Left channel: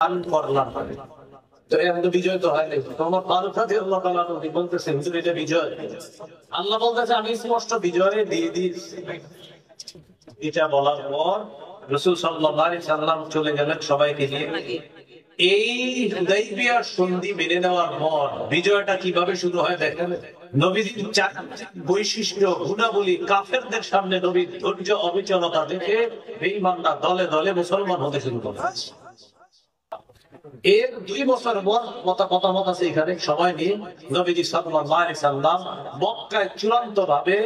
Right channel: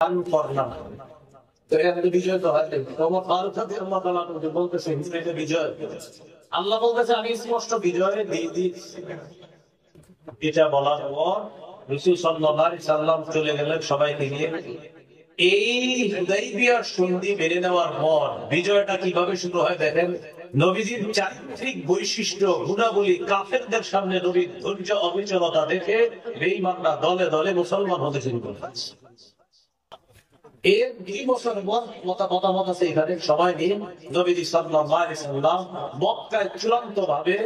দান করলাম। তো এত বিজয় তো হয়নি। তোমার ফারুক রাদিয়াল্লাহু তাআলা আনহু বলতেছে হুজুর এটা বিজয়। আল্লাহ বলতেছে আমি স্পষ্ট বিজয় দিয়ে দিয়েছি। এটা বলার পর রাসূল সাল্লাল্লাহু আলাইহি সাল্লাম চলে গেলেন সবাইকে নিয়ে। এই হুদাইবিয়ার সন্ধি মেনে নেওয়ার পর বিজয়টা কিভাবে শুরু হয় দেখেন। নবীজির চারিত্রিক বৈশিষ্ট্য গুণাবলী কাফেরদের সামনে নবীর ধৈর্য অবিচলতা দেখে বেঈমানরা দলে দলে মুসলমান হতে শুরু করে। এর 2 বছর পর মতামত আছে এখানে সময় নিয়ে নবীজি সাল্লাল্লাহু আলাইহি সাল্লাম মক্কায় চূড়ান্তভাবে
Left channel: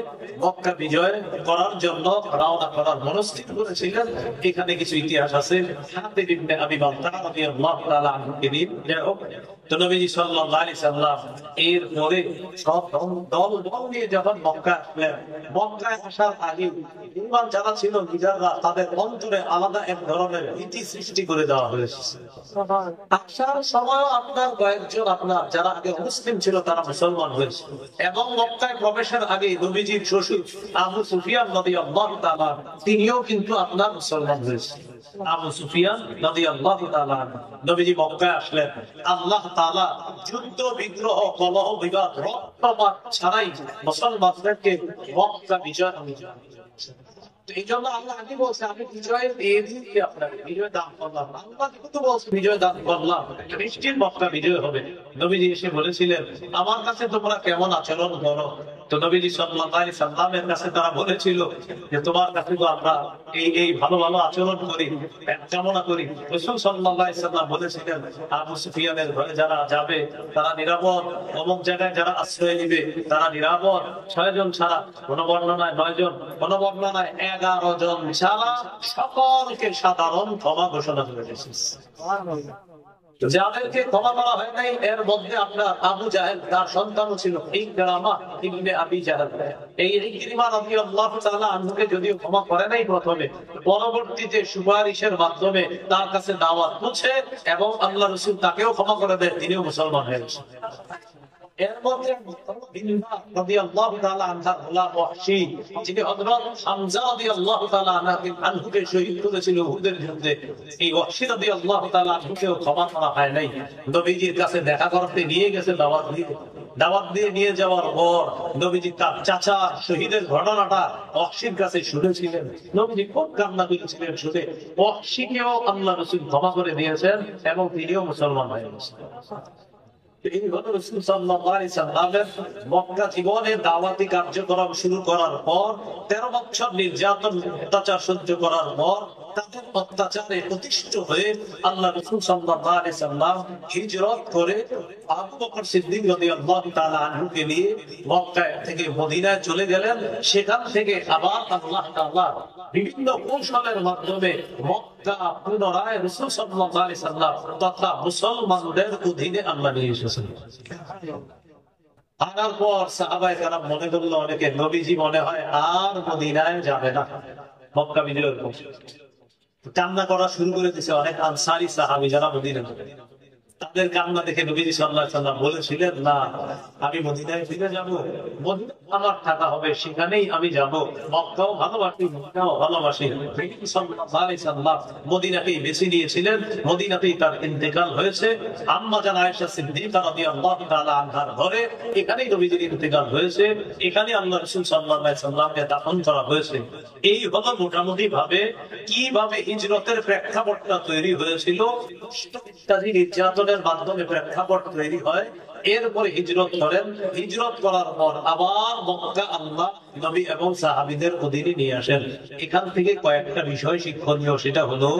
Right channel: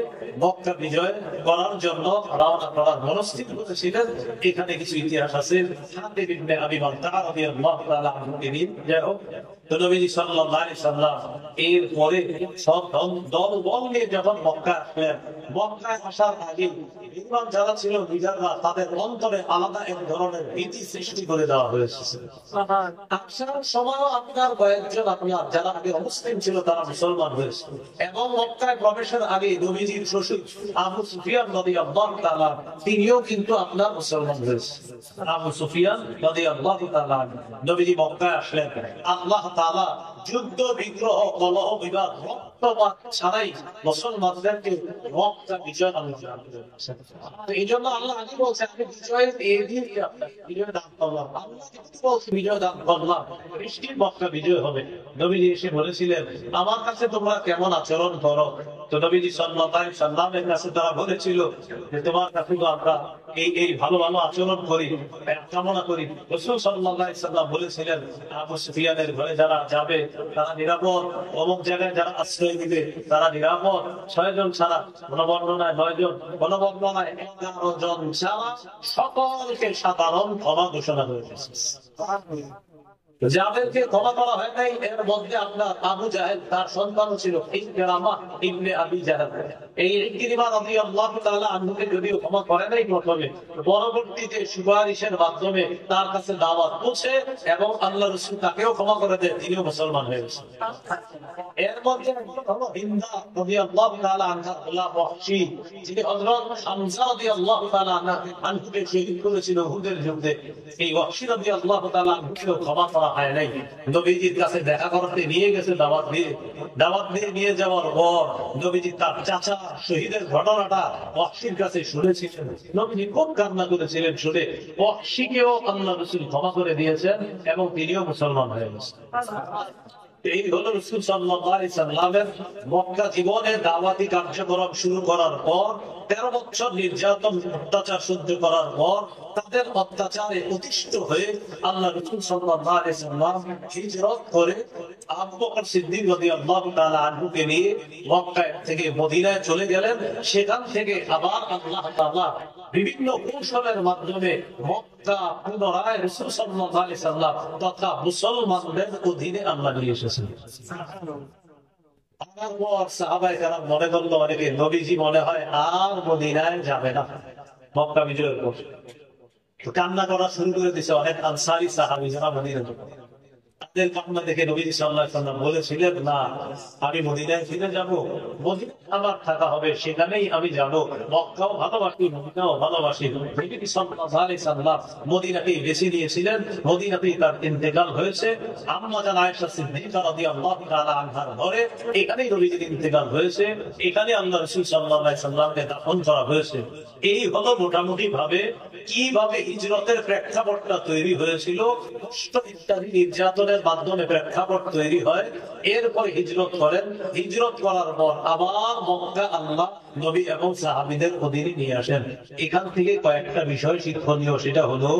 মক্কা বিজয় করার জন্য রওনা করার মনস্থির করেছিলেন। এখানে কিছু ইতিহাস আছে। হাতিব ইবনে আবি বালতাআ রাদিয়াল্লাহু তাআলা আনহু তো নবীজি সাল্লাল্লাহু আলাইহি সাল্লাম এর পরে সব দল নিয়ে যখন মক্কায় আসার আগে ঈমান যারা ছিল লিডাররা তাদের অন্তরে আলাদা এক ধরনের ভীতি সৃষ্টি করে দেওয়া হয়েছে। আসার সময় আপনার কয়েকজন যারা আগে মুসলিম ছিল তারা মুসলমান হয়েছে এবং মক্কায় প্রবেশের আগে নবীজির শ্বশুর আবু সুফিয়ান রাদিয়াল্লাহু তাআলা তিনিও কিন্তু আপনার মুসলমান হয়েছে। আবু সুফিয়ান রাদিয়াল্লাহু তাআলা নবীজি মক্কায় আসলেন। আল্লাহ তাআলা যুদ্ধ বিগ্রহ কলহ বিবাদ রক্তপাত ছাড়াই মুসলমানদেরকে মক্কা বিজয় তো এই জন্য আল্লাহ আগে বলছে আমি বিজয় দিয়ে দিয়েছি আপনাকে বিজয় দান করলাম। আল্লাহ কিন্তু বলছে বিজয় দান করলাম নিশ্চিত মক্কা বিজয় হবে। নবীজি এসে বলেছিলেন আমার কাছে তোমরা কেমন আচরণ করো। তো নবীজি সাল্লাল্লাহু আলাইহি সাল্লামের কাছে তারা বলেছিল যে তোমার কাছে তো আমরা এই ভালো ভালো আচরণ করি কামনা করি। রাসূল সাল্লাল্লাহু আলাইহি সাল্লাম বলেছিলেন আবু সুফিয়ানের ঘরে যারা যাবে তারা নিরাপদ, অমুক জায়গায় যারা আশ্রয় নিবে তারা নিরাপদ। 6 জন ছাড়া, কোন বর্ণনায় 9 জন, কোন বর্ণনায় 11 জন ছাড়া সকলকে সাধারণ ক্ষমা ঘোষণা করে দিয়েছে। যাদেরকে ক্ষমা করা হয় নাই এর মধ্যে আপনার আবু জাহেল তার সন্তানও ছিল ইকরামা ইবনে আবি জাহেল। এই ইকরিমা রাদিয়াল্লাহু তাআলা আনহুকে যদিও ক্ষমা করে নাই প্রথমে, পরবর্তীতে সুপারিশের মাধ্যমে তার কাছে দাওয়াত পৌঁছে এবং আল্লাহ রাসূল তাকেও ক্ষমা করে দেন, তিনিও মুসলমান হয়ে গেছেন। এর মধ্যে হিন্দা রাদিয়াল্লাহু তাআলা আনহা গোলাম ওয়াহশী যিনি হযরত হামজা রাদিয়াল্লাহু তাআলা আনহুকে শহীদ করেছিল উহুদের যুদ্ধে, এই ওয়াহশী রাদিয়াল্লাহু তাআলা আনহুকেও ক্ষমা করা হয় নাই। নবীজির কাছে দেখা করতে নিয়ে গেছে দাওয়াত দিয়ে নিয়ে যাওয়ার পর নবীজি তার চাচা শহীদের ঘটনাটা ওয়াহশীর কাছে শুনেছিলেন। নবীজি খুব কান্না করেছিলেন শুনে। ওয়াহশীকেও আল্লাহ রাসূল ক্ষমা করে দিয়েছেন এবং তিনিও মুসলমান হয়ে গেছেন। এই হলো রাসূল সাল্লাল্লাহু আলাইহি সাল্লামের মক্কা জীবনে দাওয়াতি কার্যক্রম শুরু করার পর 13 বছর নির্যাতন অত্যাচার সহ্য করার পর তাদের অত্যাচারে প্রতিষ্ঠিত হয়ে আল্লাহ রাসূল সাল্লাল্লাহু আলাইহি সাল্লাম হিজরত করে আবু বকর সিদ্দিক রাদিয়াল্লাহু তাআলা আনহুকে নিয়ে মক্কা থেকে মদিনায় চলে গেলেন। সেখান থেকে আবার আল্লাহ তাআলা বিভিন্ন কৌশলের মাধ্যমে মক্কা পুনরায় রাসূল সাল্লাল্লাহু আলাইহি সাল্লাম তথা মুসলমানদের অধীনে আল্লাহ নিয়ে এসেছেন। আনার পর সাহাবায়ে কেরাম মনে করলো অনেকে নবীজি মনে হয় আর মদিনায় যাবে না মক্কা বিজয়ের পর। কান্না করা শুরু করে দিয়েছে অনেক আনসারী সাহাবী যারা মদিনাতে। তাদের কান্না দেখে নবীজি সাল্লাল্লাহু আলাইহি সাল্লাম বলেছিলেন না আমি মদিনায় ফিরে যাব, মদিনায় আমার থাকা হবে, সেখানেই আমি যাব। মক্কাও ভালোবাসি মদিনাও ভালোবাসি। নবীজি সাল্লাল্লাহু আলাইহি সাল্লাম মদিনাকেই বেছে নিয়েছিলেন। মদিনাতেই তার ইন্তেকাল হয়েছে। আম্মা জান আয়েশা সিদ্দিকা রাদিয়াল্লাহু তাআলা আনহার ঘরে এখানেই নবীজির ইন্তেকাল হয়েছে। এখানে আল্লাহ রাসূল সাল্লাল্লাহু আলাইহি সাল্লামকে দাফন করা হয়েছে। এই হলো মোটামুটি ভাবে কিভাবে হিজরতের প্রেক্ষাপটটা তৈরি হয়েছিল। কষ্ট ইত্যাদি নির্যাতনের মাধ্যমে প্রেক্ষাপট তৈরি হয়। এরপরে হিজরত করেন। হিজরত করার পর আবার মক্কা আল্লাহ নবী এবং সাহাবীদের অধীনে নিয়ে আসেন। এখান থেকে কয়েকটা বিষয় শিক্ষণীয়। সেটা হলো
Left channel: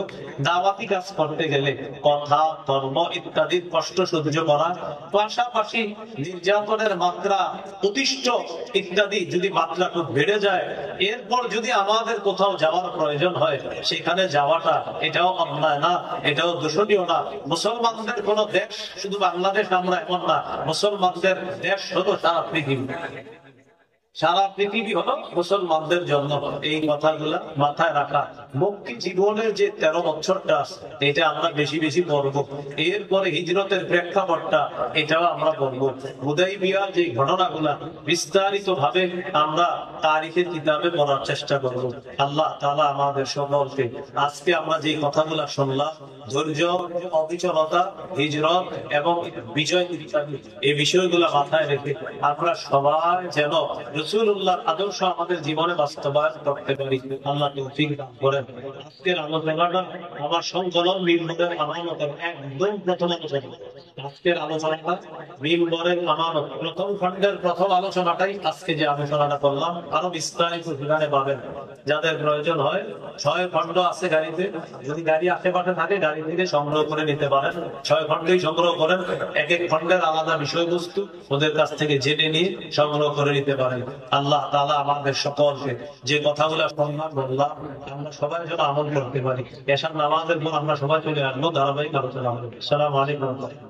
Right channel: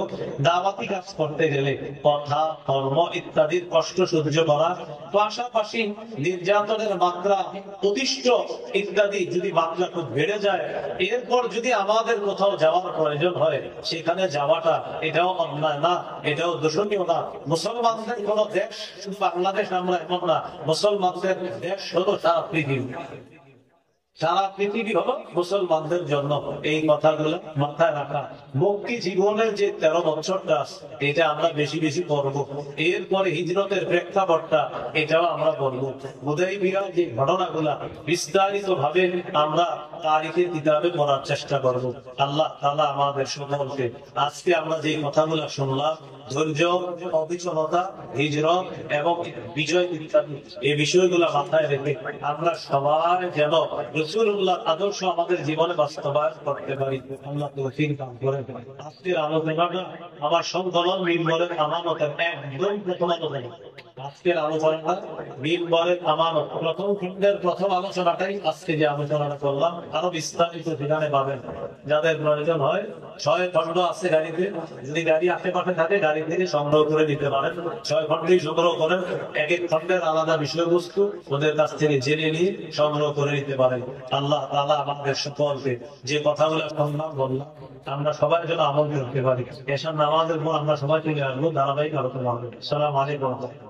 দাওয়াতি কাজ করতে গেলে কথা কর্ম ইত্যাদির কষ্ট সহ্য করা, পাশাপাশি নির্যাতনের মাত্রা প্রতিষ্ঠ ইত্যাদি যদি মাত্রা খুব বেড়ে যায়, এরপর যদি আমাদের কোথাও যাওয়ার প্রয়োজন হয় সেখানে যাওয়াটা এটাও অন্যায় না, এটাও দোষণীয় না। মুসলমানদের কোন দেশ শুধু বাংলাদেশ আমরা এমন না, মুসলমানদের দেশ হলো সারা পৃথিবী। সারা পৃথিবী হলো মুসলমানদের জন্য। এই কথাগুলা মাথায় রাখা। মক্কি জীবনের যে 13 বছরটা এটা আমরা বেশি বেশি পড়বো। এরপরে হিজরতের প্রেক্ষাপটটা এটাও আমরা পড়বো। হুদাইবিয়ার যে ঘটনাগুলা বিস্তারিত ভাবে আমরা তারিখের কিতাবে পড়ার চেষ্টা করব। আল্লাহ তাআলা আমাদের সকলকে আজকে আমরা যে কথাগুলা শুনলাম, ধৈর্য, অবিচলতা, হিজরত এবং বিজয় ইত্যাদি এই বিষয়গুলো মাথায় রেখে আমরা সবাই যেন রাসূলুল্লাহর আদর্শ আমাদের জীবনে বাস্তবায়ন করতে পারি। আল্লাহ তৌফিক দান করেন। আজকের আলোচনাটা আমার সংকলন মিম্বরের আমানতের একদম প্রথম আলোচনা। আজকের আলোচনাটা মিম্বরের আমানত প্রথম খণ্ডের প্রথম আলোচনাটাই আজকে যে আলোচনাটা করলাম। আরো বিস্তারিত সেখানে পাবেন। যাদের প্রয়োজন হয় 6 খণ্ড আছে গাড়িতে, যদি গাড়ি আশেপাশে থাকে গাড়ি থেকে সংগ্রহ করে নিতে পারেন। 6 খণ্ডেই সংগ্রহ করেন, এক এক খণ্ডের আলাদা বিষয়বস্তু ওদের কাছ থেকে জেনে নিয়ে সংগ্রহ করে নিতে পারেন। আল্লাহ তাআলা আমাদের সকলকে যে কথাগুলো শুনলাম বললাম আমরা সবাই যেন আমল করতে পারি। এশার নামাজের পর আমরা সবাই চলে আসবো ধারাবাহিক আলোচনা হবে। আসসালামু আলাইকুম।